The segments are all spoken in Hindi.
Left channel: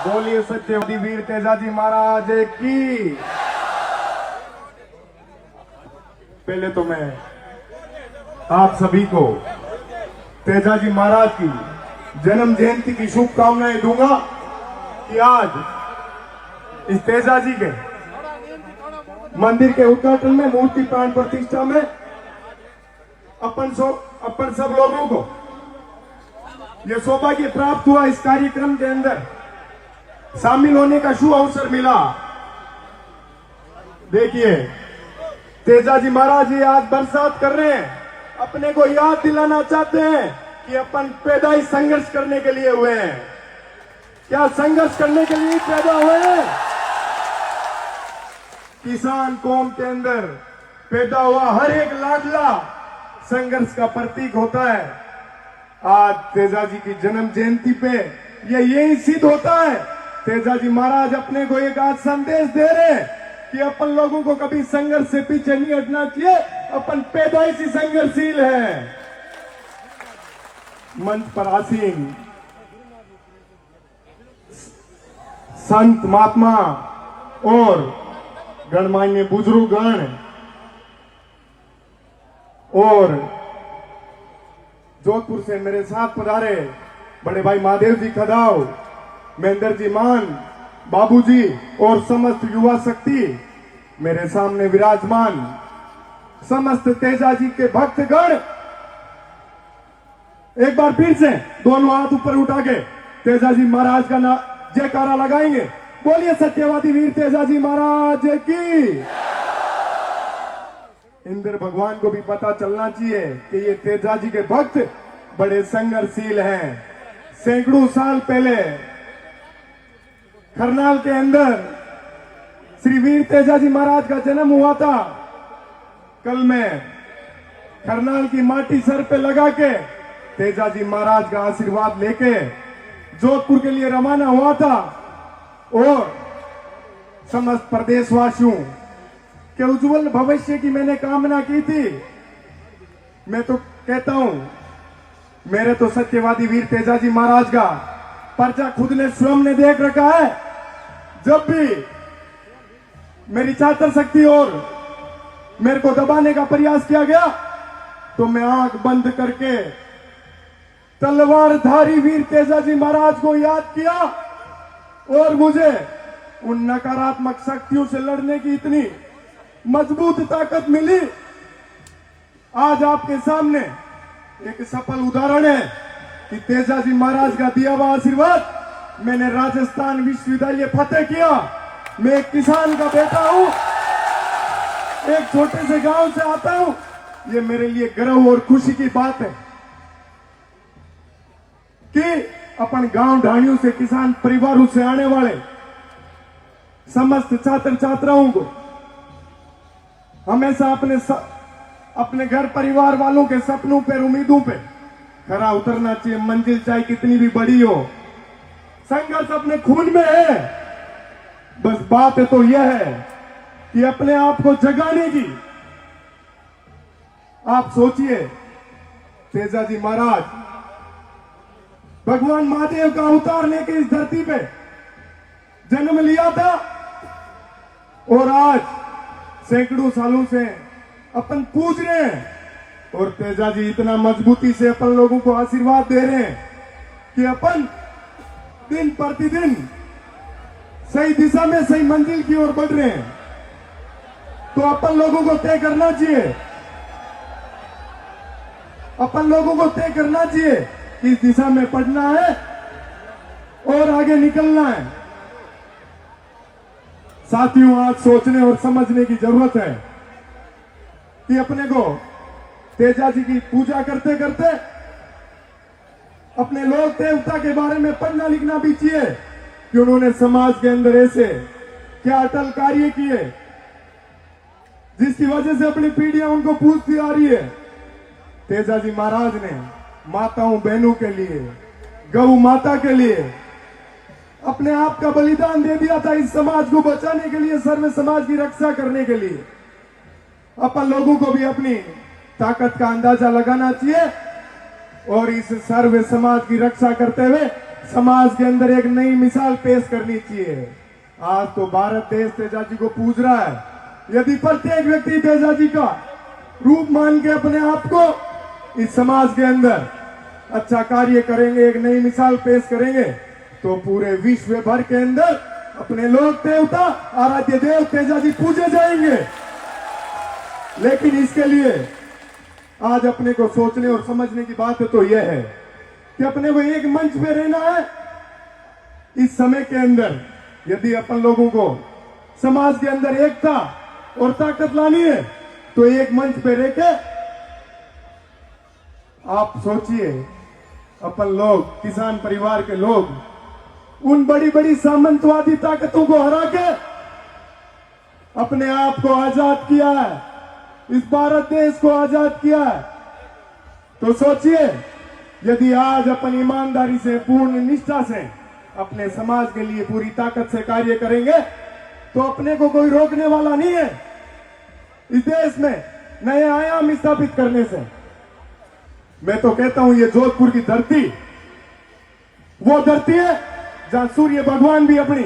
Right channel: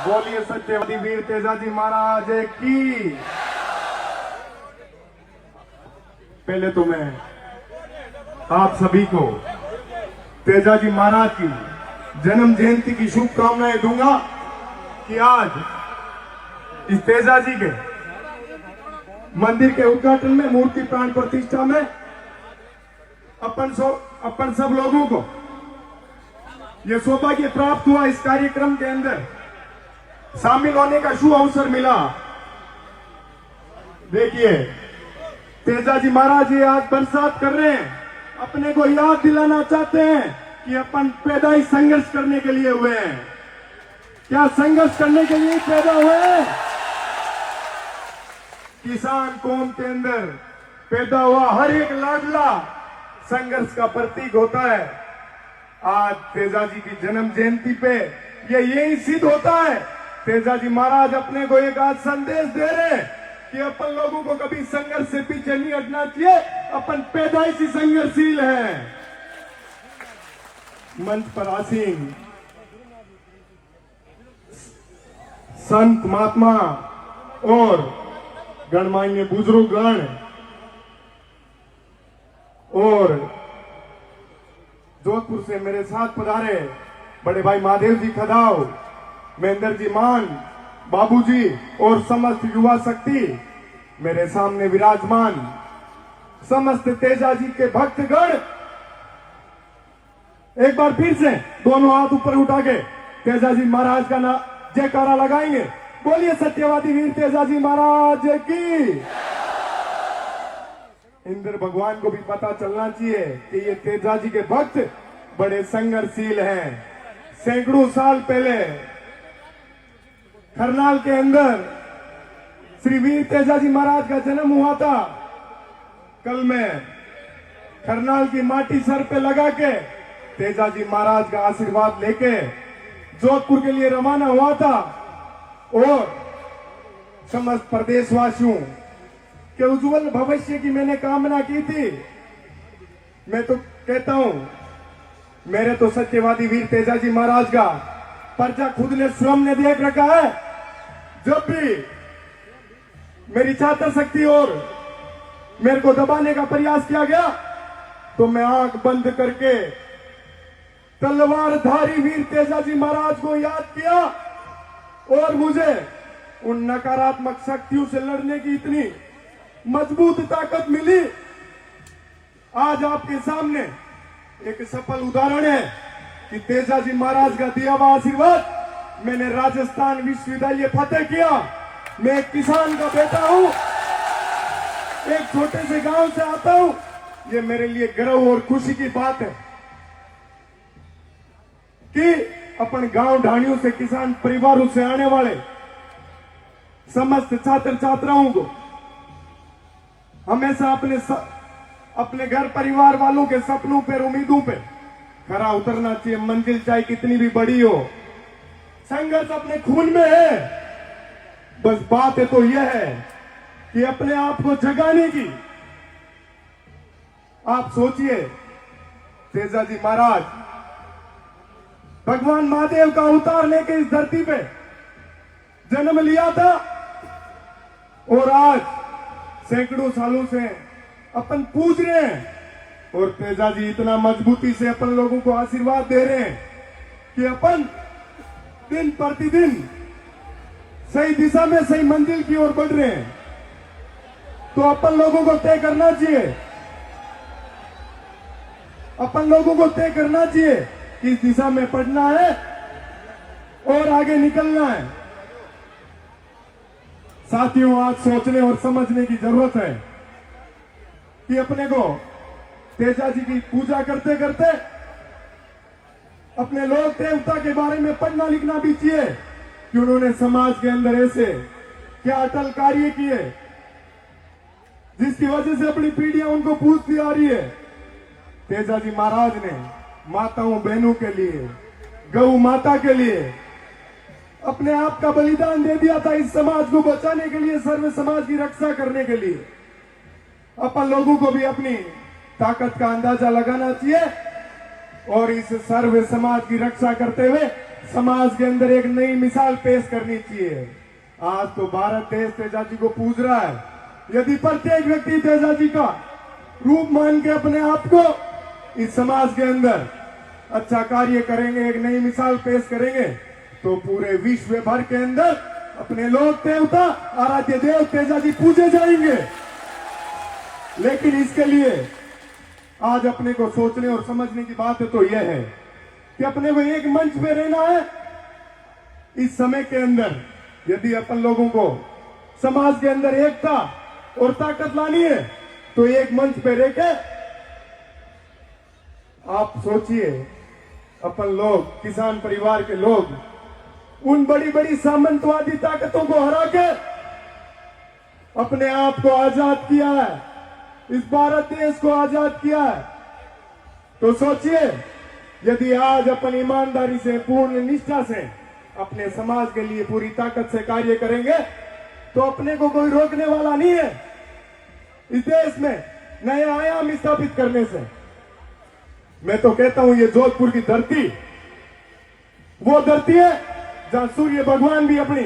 बोलिए सत्यवती वीर तेजाजी महाराज की। पहले तो मैं आप सभी को तेजाजी महाराज की जन्म जयंती की शुभकामनाएं दूंगा कि आज इस तेजाजी के मंदिर के उद्घाटन में, मूर्ति प्राण प्रतिष्ठा में अपन सब लोगों को यह सौभाग्य प्राप्त हुआ, इस कार्यक्रम के अंदर शामिल होने का शुभ अवसर मिला। देखिए, तेजाजी महाराज ये आज बरसात कर रहे हैं, अपने को याद दिलाना चाहते हैं कि अपन पैदाइश संघर्ष करने के लिए हुए हैं। क्या संघर्ष करने के लिए पैदा हुए हैं? किसान कौम के अंदर पैदा हुआ हर एक लाडला संघर्ष का प्रतीक होता है। आज तेजाजी की जन्म जयंती पे यही सिद्ध होता है। तेजाजी महाराज अपने को एक आज संदेश दे रहे हैं कि अपन लोगों को कभी संघर्ष से पीछे नहीं हटना चाहिए, अपन पैदाइशी संघर्षशील है। मंच पर आसीन संत महात्मा और गणमान्य बुजुर्गगण और जोधपुर से मेरे साथ पधारे बड़े भाई महादेव जी खदाव, महेंद्र जी मान, बाबूजी और समस्त युवा शक्ति मेरे सामने विराजमान, समस्त तेजाजी के भक्तगण, एक बार फिर से दोनों हाथ ऊपर उठा के तेजाजी महाराज का जयकारा लगाएंगे। बोलिए सत्यवादी वीर तेजाजी महाराज की। इंद्र भगवान को भी पता चलना चाहिए कि ये तेजाजी के भक्त बड़े संघर्षशील हैं। सैकड़ों साल पहले करनाल के अंदर श्री वीर तेजाजी महाराज का जन्म हुआ था। कल मैं करनाल की माटी सर पे लगा के तेजाजी महाराज का आशीर्वाद लेके जोधपुर के लिए रवाना हुआ था और समस्त प्रदेशवासियों के उज्जवल भविष्य की मैंने कामना की थी। मैं तो कहता हूं, मेरे तो सत्यवादी वीर तेजाजी महाराज का पर्चा खुद ने स्वयं ने देख रखा है। जब भी मेरी छात्र शक्ति और मेरे को दबाने का प्रयास किया गया तो मैं आंख बंद करके तलवारधारी वीर तेजाजी महाराज को याद किया और मुझे उन नकारात्मक शक्तियों से लड़ने की इतनी मजबूत ताकत मिली। आज आपके सामने एक सफल उदाहरण है कि तेजाजी महाराज का दिया हुआ आशीर्वाद मैंने राजस्थान विश्वविद्यालय फतेह किया। मैं एक किसान का बेटा हूं, एक छोटे से गांव से आता हूं। ये मेरे लिए गर्व और खुशी की बात है कि अपन गांव ढाणियों से, किसान परिवारों से आने वाले समस्त छात्र छात्राओं को हमेशा अपने घर परिवार वालों के सपनों पर, उम्मीदों पे खरा उतरना चाहिए। मंजिल चाहे कितनी भी बड़ी हो, संघर्ष अपने खून में है। बस बात है तो यह है कि अपने आप को जगाने की। आप सोचिए, तेजाजी महाराज भगवान महादेव का अवतार लेके इस धरती पे जन्म लिया था और आज सैकड़ों सालों से अपन पूज रहे हैं और तेजाजी इतना मजबूती से अपन लोगों को आशीर्वाद दे रहे हैं कि अपन दिन प्रतिदिन सही दिशा में, सही मंजिल की ओर बढ़ रहे हैं। तो अपन लोगों को तय करना चाहिए, अपन लोगों को तय करना चाहिए कि इस दिशा में पढ़ना है और आगे निकलना है। साथियों, आज सोचने और समझने की जरूरत है कि अपने को तेजाजी की पूजा करते करते अपने लोक देवता के बारे में पढ़ना लिखना भी चाहिए कि उन्होंने समाज के अंदर ऐसे क्या अटल कार्य किए जिसकी वजह से अपनी पीढ़ियां उनको पूछती आ रही है। तेजाजी महाराज ने माताओं बहनों के लिए, गौ माता के लिए अपने आप का बलिदान दे दिया था, इस समाज को बचाने के लिए, सर्व समाज की रक्षा करने के लिए। अपन लोगों को भी अपनी ताकत का अंदाजा लगाना चाहिए और इस सर्व समाज की रक्षा करते हुए समाज के अंदर एक नई मिसाल पेश करनी चाहिए। आज तो भारत देश तेजा जी को पूज रहा है। यदि प्रत्येक व्यक्ति तेजा जी का रूप मान के अपने आप को इस समाज के अंदर अच्छा कार्य करेंगे, एक नई मिसाल पेश करेंगे, तो पूरे विश्व भर के अंदर अपने लोक देवता आराध्य देव तेजा जी पूजे जाएंगे। लेकिन इसके लिए आज अपने को सोचने और समझने की बात तो यह है कि अपने को एक मंच पे रहना है। इस समय के अंदर यदि अपन लोगों को समाज के अंदर एकता और ताकत लानी है तो एक मंच पे रह के आप सोचिए, अपन लोग किसान परिवार के लोग उन बड़ी बड़ी सामंतवादी ताकतों को हरा के अपने आप को आजाद किया है, इस भारत देश को आजाद किया है। तो सोचिए, यदि आज अपन ईमानदारी से, पूर्ण निष्ठा से अपने समाज के लिए पूरी ताकत से कार्य करेंगे तो अपने को कोई रोकने वाला नहीं है इस देश में नए आयाम स्थापित करने से। मैं तो कहता हूं, ये जोधपुर की धरती वो धरती है जहां सूर्य भगवान भी अपनी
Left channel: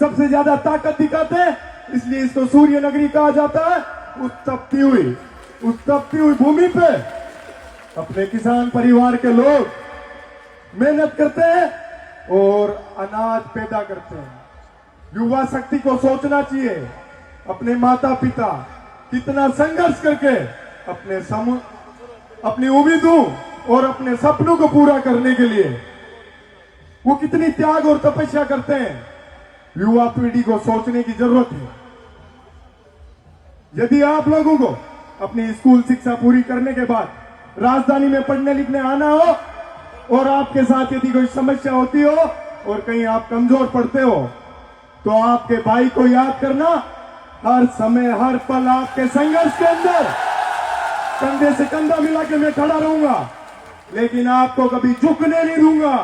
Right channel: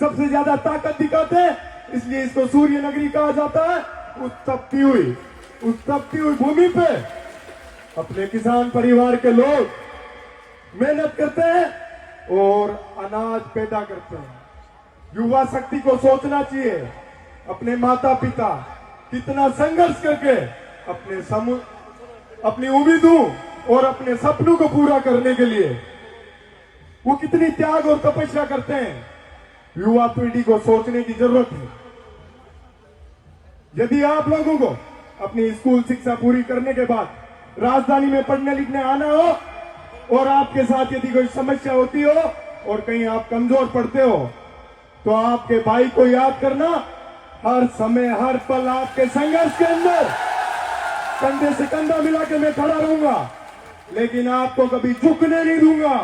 सबसे ज्यादा ताकत दिखाते हैं, इसलिए इसको सूर्य नगरी कहा जाता है। उस तपती हुई भूमि पे अपने किसान परिवार के लोग मेहनत करते हैं और अनाज पैदा करते हैं। युवा शक्ति को सोचना चाहिए, अपने माता पिता कितना संघर्ष करके अपनी उम्मीदों और अपने सपनों को पूरा करने के लिए वो कितनी त्याग और तपस्या करते हैं। युवा पीढ़ी को सोचने की जरूरत है। यदि आप लोगों को अपनी स्कूल शिक्षा पूरी करने के बाद राजधानी में पढ़ने लिखने आना हो और आपके साथ यदि कोई समस्या होती हो और कहीं आप कमजोर पड़ते हो तो आपके भाई को याद करना, हर समय हर पल आपके संघर्ष के अंदर कंधे से कंधा मिला के मैं खड़ा रहूंगा, लेकिन आपको कभी झुकने नहीं दूंगा,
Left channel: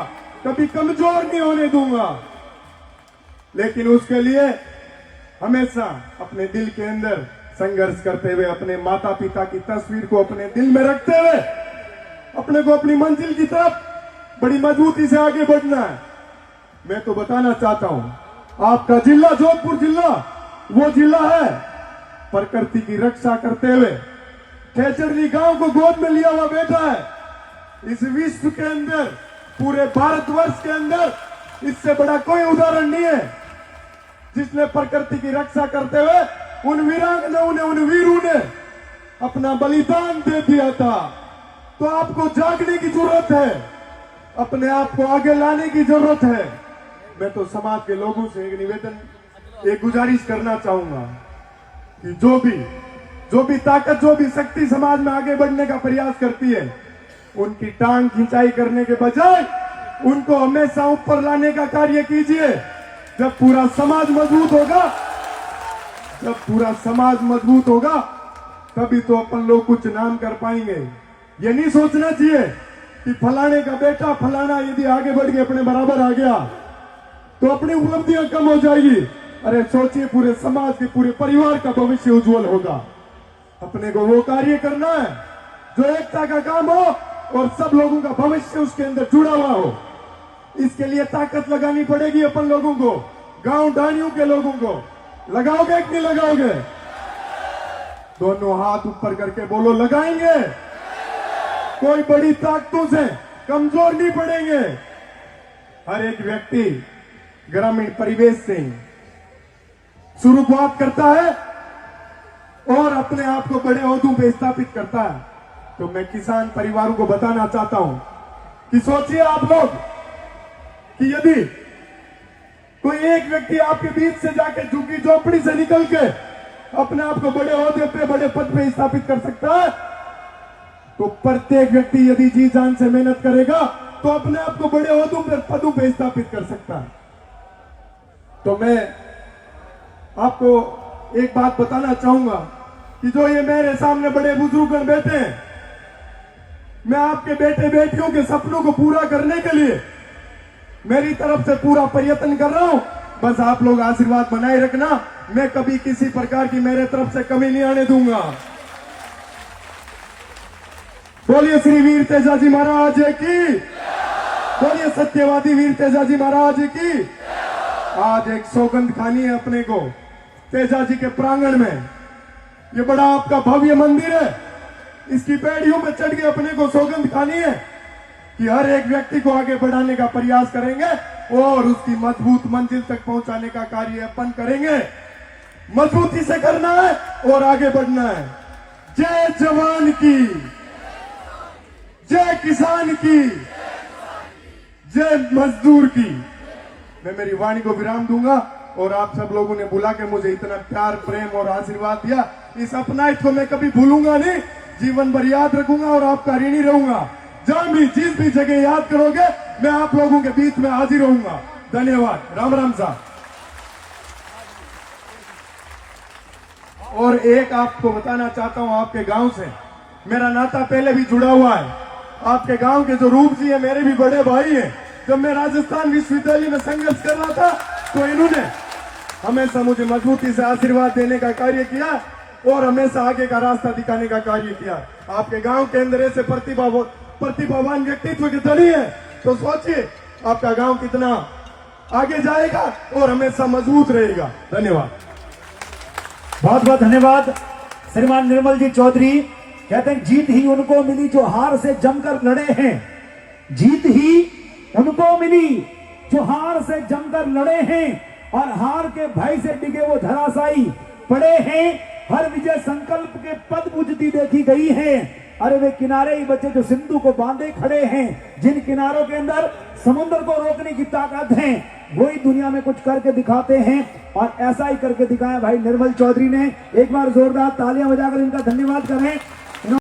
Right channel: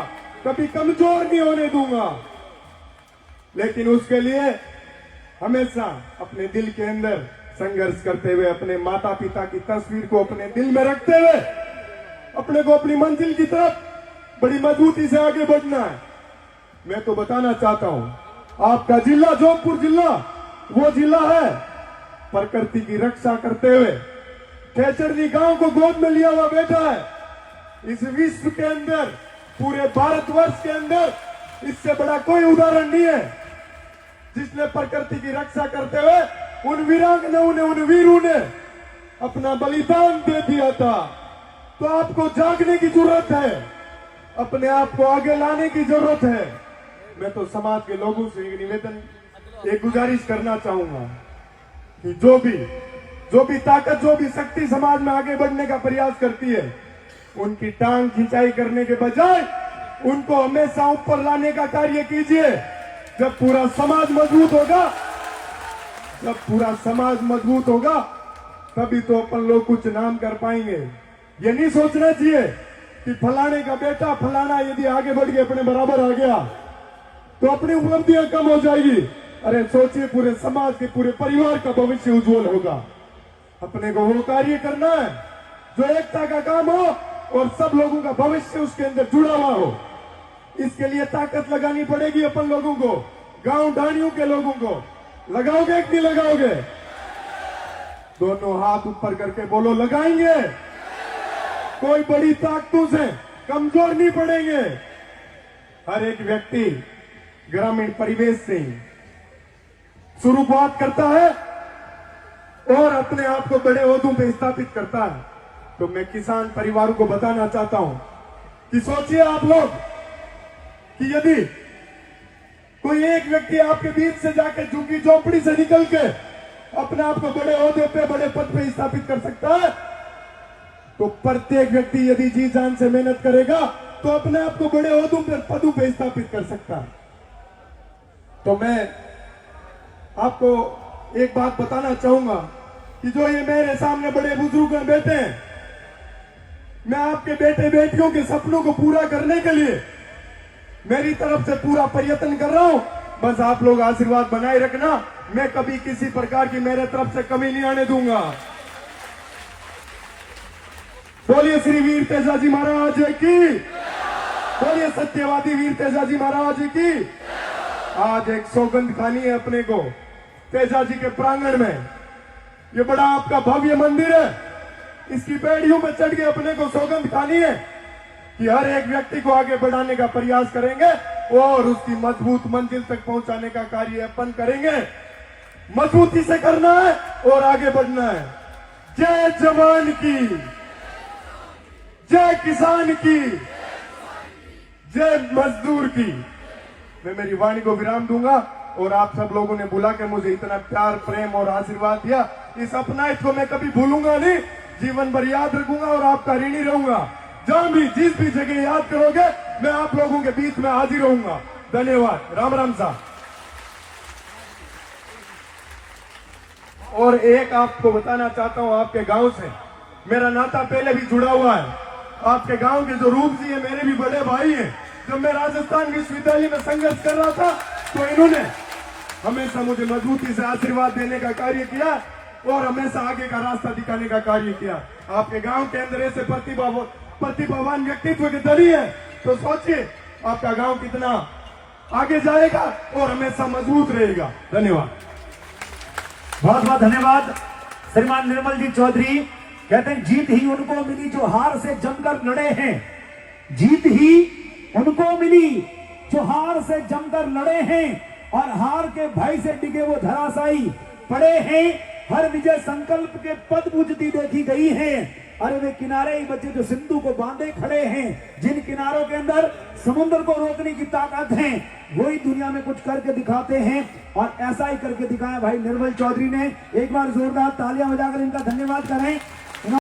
कभी कमजोर नहीं होने दूंगा। लेकिन उसके लिए हमेशा अपने दिल के अंदर संघर्ष करते हुए, अपने माता पिता की तस्वीर को अपने दिल में रखते हुए अपने को अपनी मंजिल की तरफ बड़ी मजबूती से आगे बढ़ना है। मैं तो बताना चाहता हूं, आपका जिला जोधपुर जिला वो जिला है प्रकृति की रक्षा करते हुए खेचरनी गांव को गोद में लिया हुआ बैठा है। इस विश्व के अंदर, पूरे भारतवर्ष के अंदर इससे बड़ा कोई उदाहरण नहीं है जिसने प्रकृति की रक्षा करते हुए उन वीरांगनाओं ने, उन वीरों ने अपना बलिदान दे दिया था। तो आपको जागने की जरूरत है, अपने आप को आगे लाने की जरूरत है। मैं तो समाज के लोगों से एक निवेदन, एक गुजारिश करना चाहूंगा कि जो भी ताकत, जो भी शक्ति समाज में आगे बढ़ने का प्रयास करती है, उनकी टांग खिंचाई करने के बजाय उनको हमेशा ऊपर लाने का कार्य कीजिए। जब पूरा समाज मजबूत होगा तभी तो अपन लोग कुछ नाम कर पाएंगे। ये नहीं सोचना चाहिए कि फलाने का बेटा फलाना यदि आगे बढ़ के अपने बराबर आ गया तो अपनी उपलब्धियां कम हो जाएगी। अरे सोचिए, पूरे समाज के, पूरे परिवार का भविष्य उज्जवल होगा। अपने को वो कार्य करना है जो एकता का काम हो और सब लोगों का भविष्य उसके अंदर जुड़ा हुआ हो। इसके लिए ताकत लगानी पड़ेगी अपन लोगों को, गांव ढाणियों के लोगों को। लगाओगे कि नहीं लगाओगे? दोनों हाथ ऊपर करके बोलो, लगाएंगे। कोई बड़ी ताकतों से कमजोर नहीं पड़ेंगे। हर एक व्यक्ति ग्रामीण परिवेश से शुरुआत करता है और अपने आप को बड़े ओहदों पे स्थापित करता है। तो मैं किसान परिवारों को बताना चाहता हूं कि सोचिए आप लोग कि यदि कोई एक व्यक्ति आपके बीच से जाके झुग्गी झोपड़ी से निकल के अपने आप को बड़े ओहदे पे, बड़े पद पे स्थापित कर सकता है, तो प्रत्येक व्यक्ति यदि जी जान से मेहनत करेगा तो अपने आप को बड़े ओहदों पे, पदों पे स्थापित कर सकता है। तो मैं आपको एक बात बताना चाहूंगा कि जो ये मेरे सामने बड़े बुजुर्ग बैठे हैं, मैं आपके बेटे बेटियों के सपनों को पूरा करने के लिए मेरी तरफ से पूरा प्रयत्न कर रहा हूं। बस आप लोग आशीर्वाद बनाए रखना। मैं कभी किसी प्रकार की मेरे तरफ से कमी नहीं आने दूंगा। बोलिए श्री वीर तेजा जी महाराज की। बोलिए सत्यवादी वीर तेजाजी महाराज की। आज एक सौगंध खानी है अपने को तेजाजी के प्रांगण में। ये बड़ा आपका भव्य मंदिर है, इसकी बेड़ियों में चढ़ के अपने को सौगंध खानी है कि हर एक व्यक्ति को आगे बढ़ाने का प्रयास करेंगे और उसकी मजबूत मंजिल तक पहुंचाने का कार्य अपन करेंगे। मजबूती से करना है और आगे बढ़ना है। जय जवान की, जय किसान की, जय मजदूर की। मैं मेरी वाणी को विराम दूंगा और आप सब लोगों ने बुला के मुझे इतना प्यार प्रेम और आशीर्वाद दिया, इस अपनाइट को मैं कभी भूलूंगा नहीं, जीवन भर याद रखूंगा और आपका ऋणी रहूंगा। जहां भी जिस भी जगह याद करोगे मैं आप लोगों के बीच में हाजिर रहूंगा। धन्यवाद। राम राम साहब। और एक आपको बताना चाहता हूं, आपके गांव से मेरा नाता पहले भी जुड़ा हुआ है। आपके गांव के जो रूप जी है मेरे भी बड़े भाई हैं। जब मैं राजस्थान विश्वविद्यालय में संघर्ष कर रहा था तो इन्होंने हमेशा मुझे मजबूती से आशीर्वाद देने का कार्य किया और हमेशा आगे का रास्ता दिखाने का कार्य किया। आपके गांव के अंदर ऐसे प्रतिभावान व्यक्तित्व के धनी है तो सोचिए आपका गांव कितना आगे जाएगा और हमेशा मजबूत रहेगा। धन्यवाद। बहुत बहुत धन्यवाद श्रीमान निर्मल जी चौधरी। कहते हैं जीत ही उनको मिली जो हार से जमकर लड़े हैं। जीत ही उनको मिली जो हार से जमकर लड़े हैं और हार के भय से डिगे वो धराशायी पड़े हैं। हर विजय संकल्प के पद पूजती देखी गई है। अरे वे किनारे ही बचे जो सिंधु को बांधे खड़े हैं। जिन किनारों के अंदर समुद्र को रोकने की ताकत है वही दुनिया में कुछ करके दिखाते हैं और ऐसा ही करके दिखाया भाई निर्मल चौधरी ने। एक बार जोरदार तालियां बजाकर इनका धन्यवाद करें।